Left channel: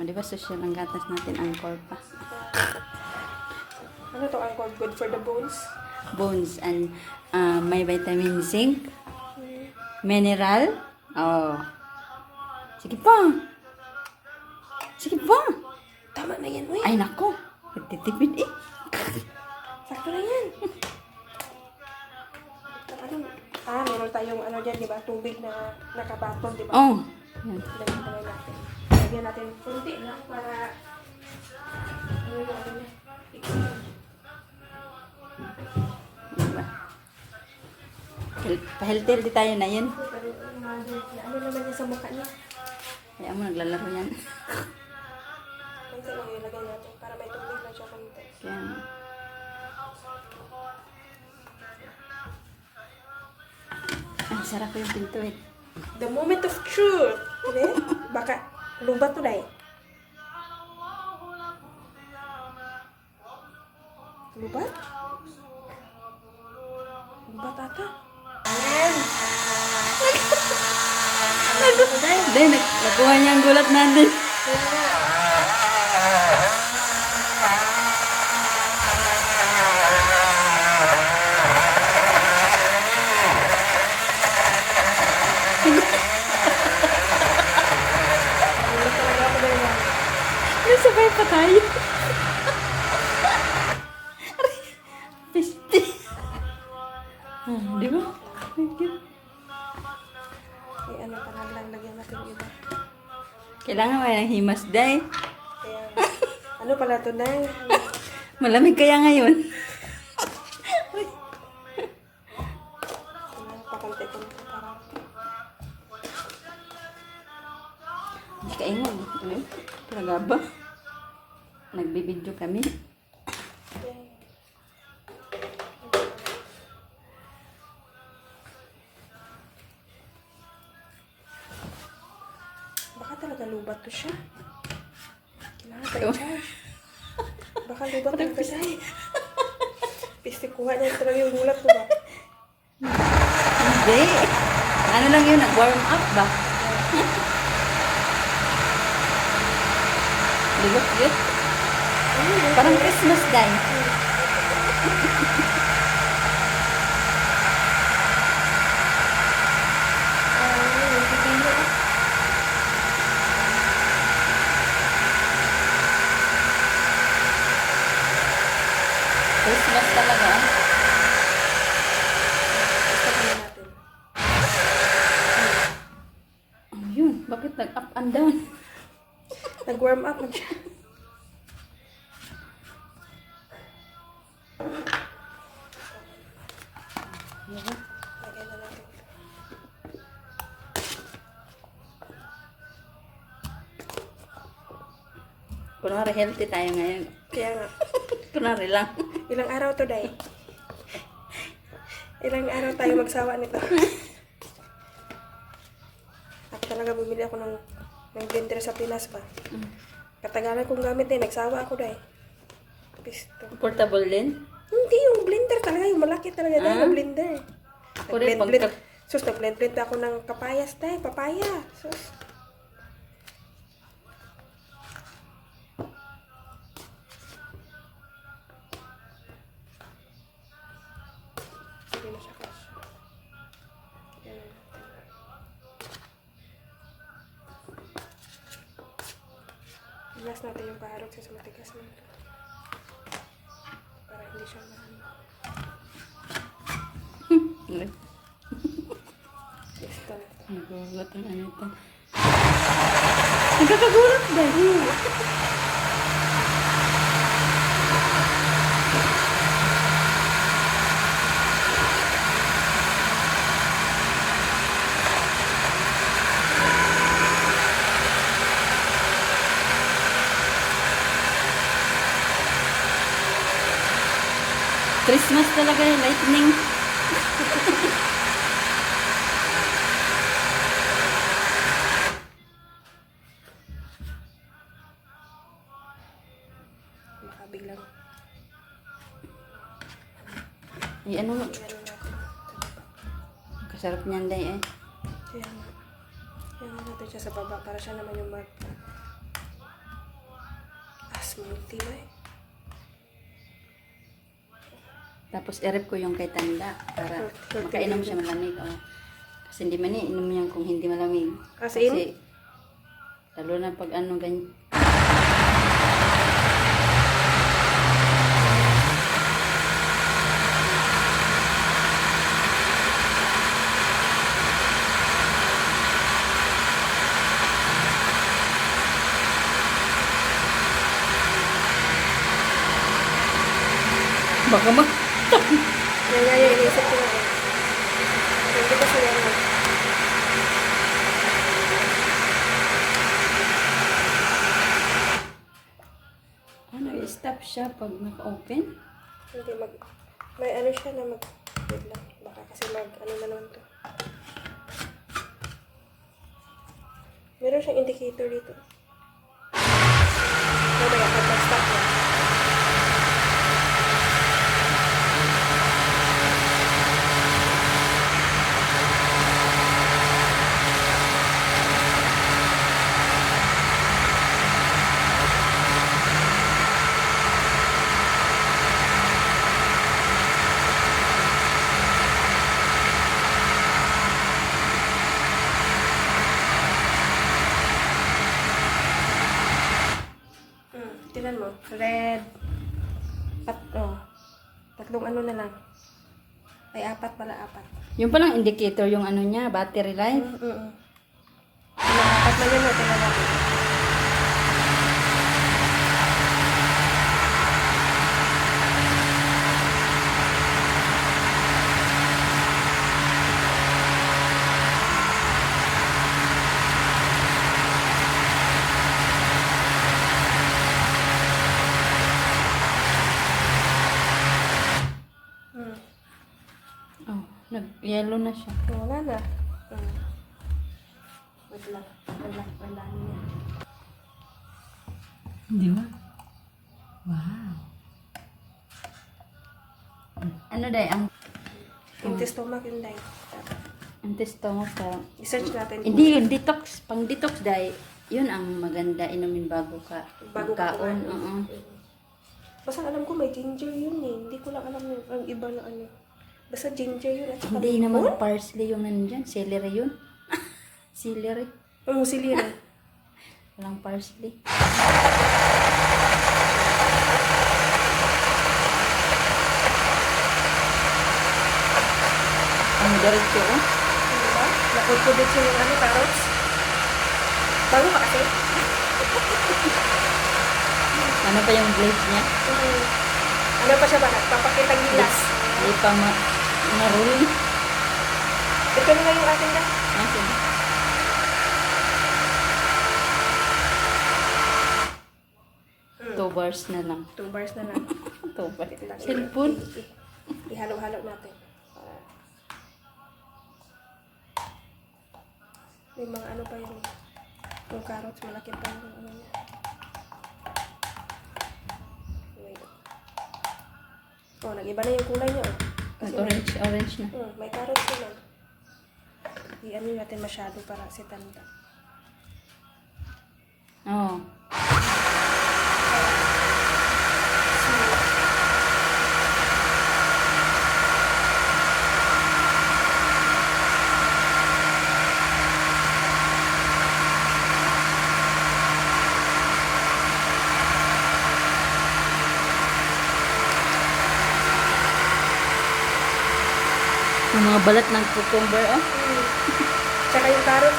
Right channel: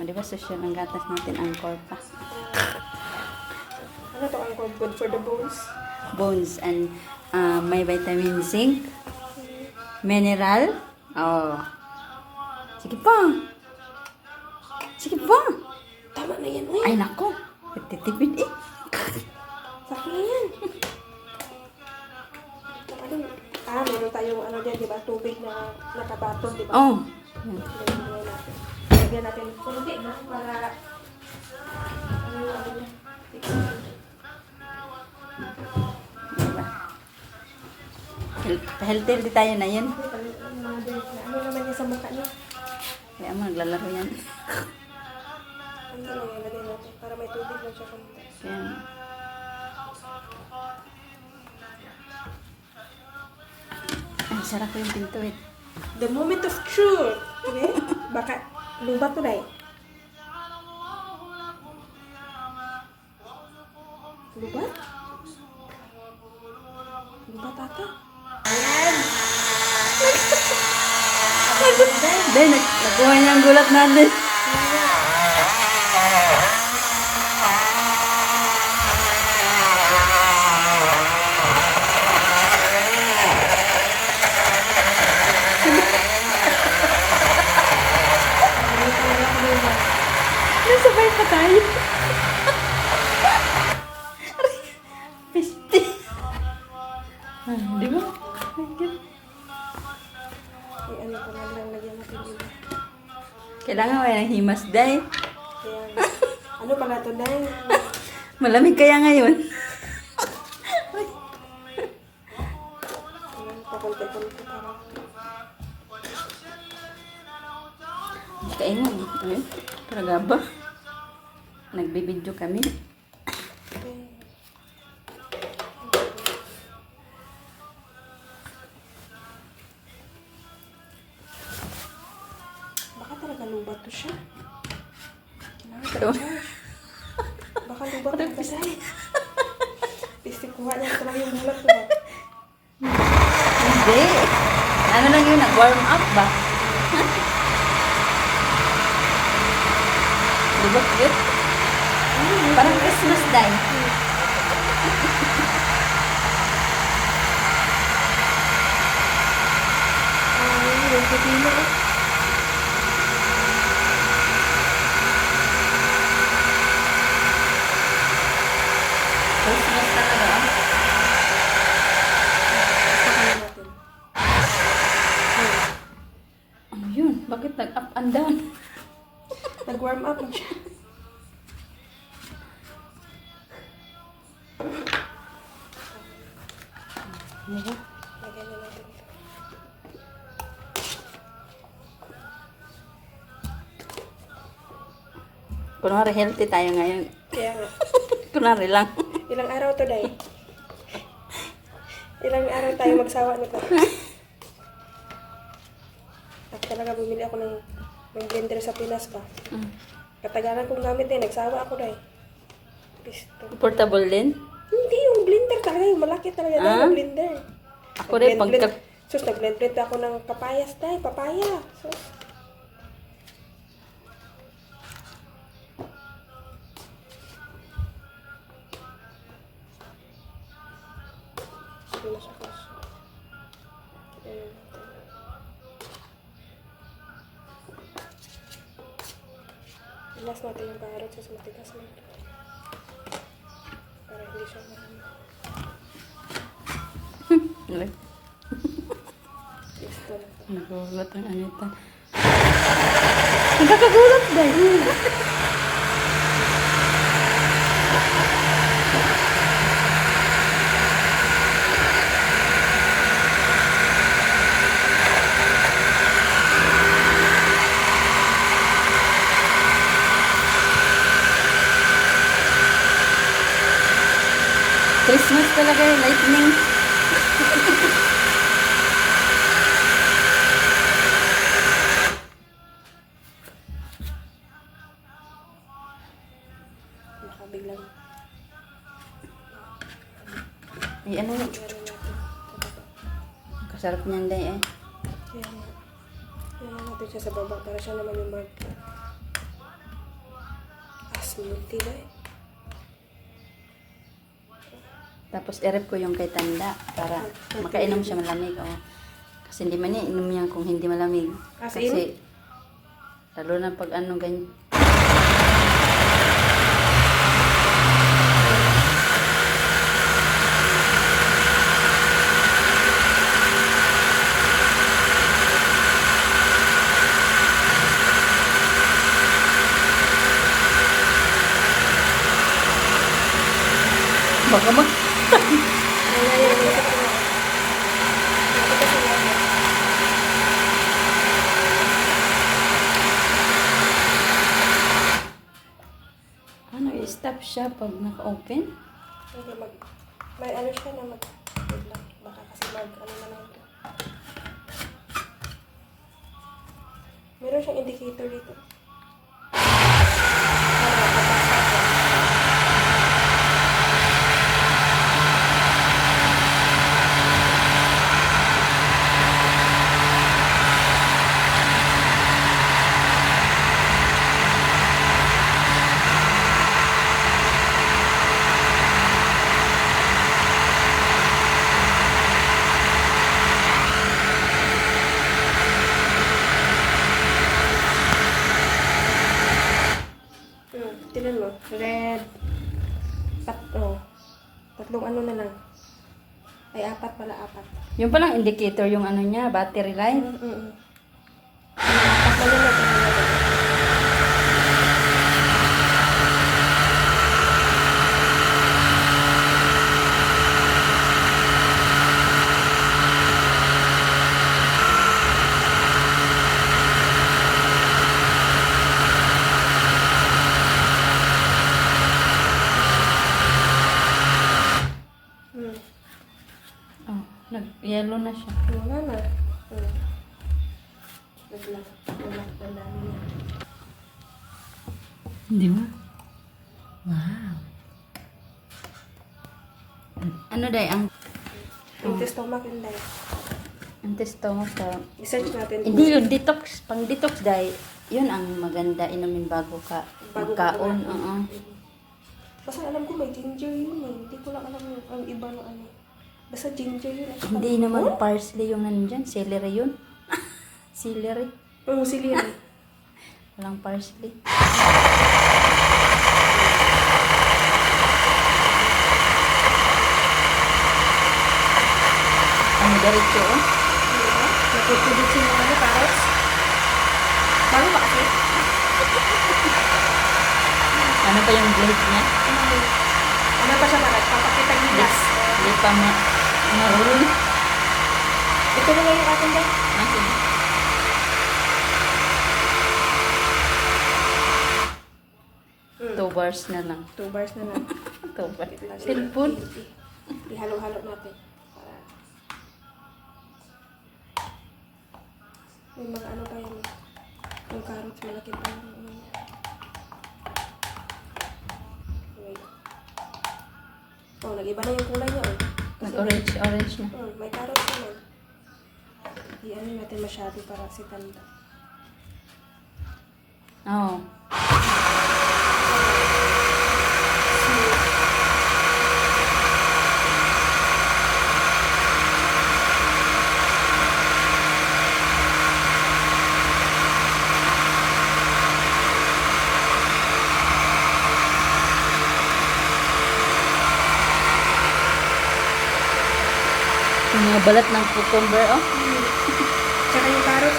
O, di ba social ang gatas natin, angkor pa. Ano to ang good for the bones? Bones and uh, may vitamin zinc, mineral. Oh. Sige pa. Sige pa. Tama na yan, uy. Ay, nako. Nagtitipid eh. Sakto na yan. Saka din, ah, meron tayong ano dyan, di ba? Tubig na nakabaton, di ba? Oh. Para. Diba? Health- Healthy, healthy tayo na yun. Ano naman niya sa mukha niya? Kaya mo, naglalaro yan. Para may tubig na siya. Kaya, ay, sarap yung pinto eh. The moment of truth. Okay? Baka, lubat ko na eh. Dahil, nag nakuha niya ang gulat natin. Nasabay pa tayo. Kailangan wala himas dahil. Ayan. Ano pala ito na? Malamig kaya ngayon. Kaingan. Ayun. Talaga ba? Nagbibidyo kami. Parang talaga siya. Piste kuha niya talaga yung gulat ko? Hindi. Ano lang yun, nag-warm up ba? Di ba cute? Parang Christmas dahil. Ah, yun yung pipino. Christmas talaga. oh. Sabihin natin. Ano yun? Bakit nag-up and down? Nag-warm up na siya. Ba? Natin. Kunwari healthy tayo ngayon. Nga. Kunwari lang. Ilang araw to, Day? Ilang araw tayo magsawa nito? Ako talaga bumili ako ng, ng blender sa Pinas ba? Mm. Katagalan kong gamit eh. Nagsawa ako, Day. Pisto. Portable din. Hindi, yung blender talaga. Yung malaki talaga. Ah? Yung blender. Ako rin, pagka... blend- Sus, nag-blend-blend ako ng papayas, Day. Papaya. Sus. Hindi na siya Ilas natin yung parot sa matigas na. Para hindi siya marami. Ito. Nagulat ang anita. Nagkakagulat dahil. Christmas talaga yung lightning. Nakabiglang. Ay, ano yun? Kasarap niyan day eh. Ayan. Ayan natin siya sa baba para siya naman yung mag... Smoothie ba. Tapos i-rep ko yung kay Tanda para makainom siya malamig. Oh. Kasi hindi man inom yan kung hindi malamig. As Kasi lalo na pag ano ganyan. Baka mag... Ano nga yung isip ko. Hindi i-stop siya pag naka-open? Hindi mag... May ano siya na mag... Baka kasi mag... Ano na lang to. Meron siyang indicator dito. Ano, babasa ko. Hmm, tinan mo. Red. Tat, oh. Tatlong ano na lang. Ay, apat pala, apat. Yung palang indicator yung ano niya, battery life. Mm -mm. Apat na yun, ito na lang. Hmm. Oh, nag-yellow na siya. Wala na. Hindi mo? Wow. Ano day ang Empty stomach yun, Day. ang testo mo sa I-search natin. hindi yun detox pang detox day yun ang maganda inumin bago ka Bago magkaon ka oo Kasi alam ko may ginger yun eh. Hindi ko lang alam yung ang iba na ano. Basta ginger yun. eh. hindi naman parsley yung nandyan celery yun celery Oo, sili na. walang parsley ang diretso oh Nakikubit siya ng ano, patas. Bago kasi. ano pa yung blade niya Hmm. Ano pa siya ba? Papakita yung Hindi, glass. hindi pa ma marunong Ito na yung akin ba? Ah, sige. Hmm. two bars na lang Two bars na lang. two bars cellphone Ihalo-halo natin. May mga ano pa yun. Yung carrots, malaki pa. Wait. Oh, nag-iba na yung kulay niya. oh. Kasi nag-orange orange na Hmm, may carrots naman. I-ano natin masyado para si Tanda. oo yung mga balat ng cucumber, oh. Tsaka yung carrot.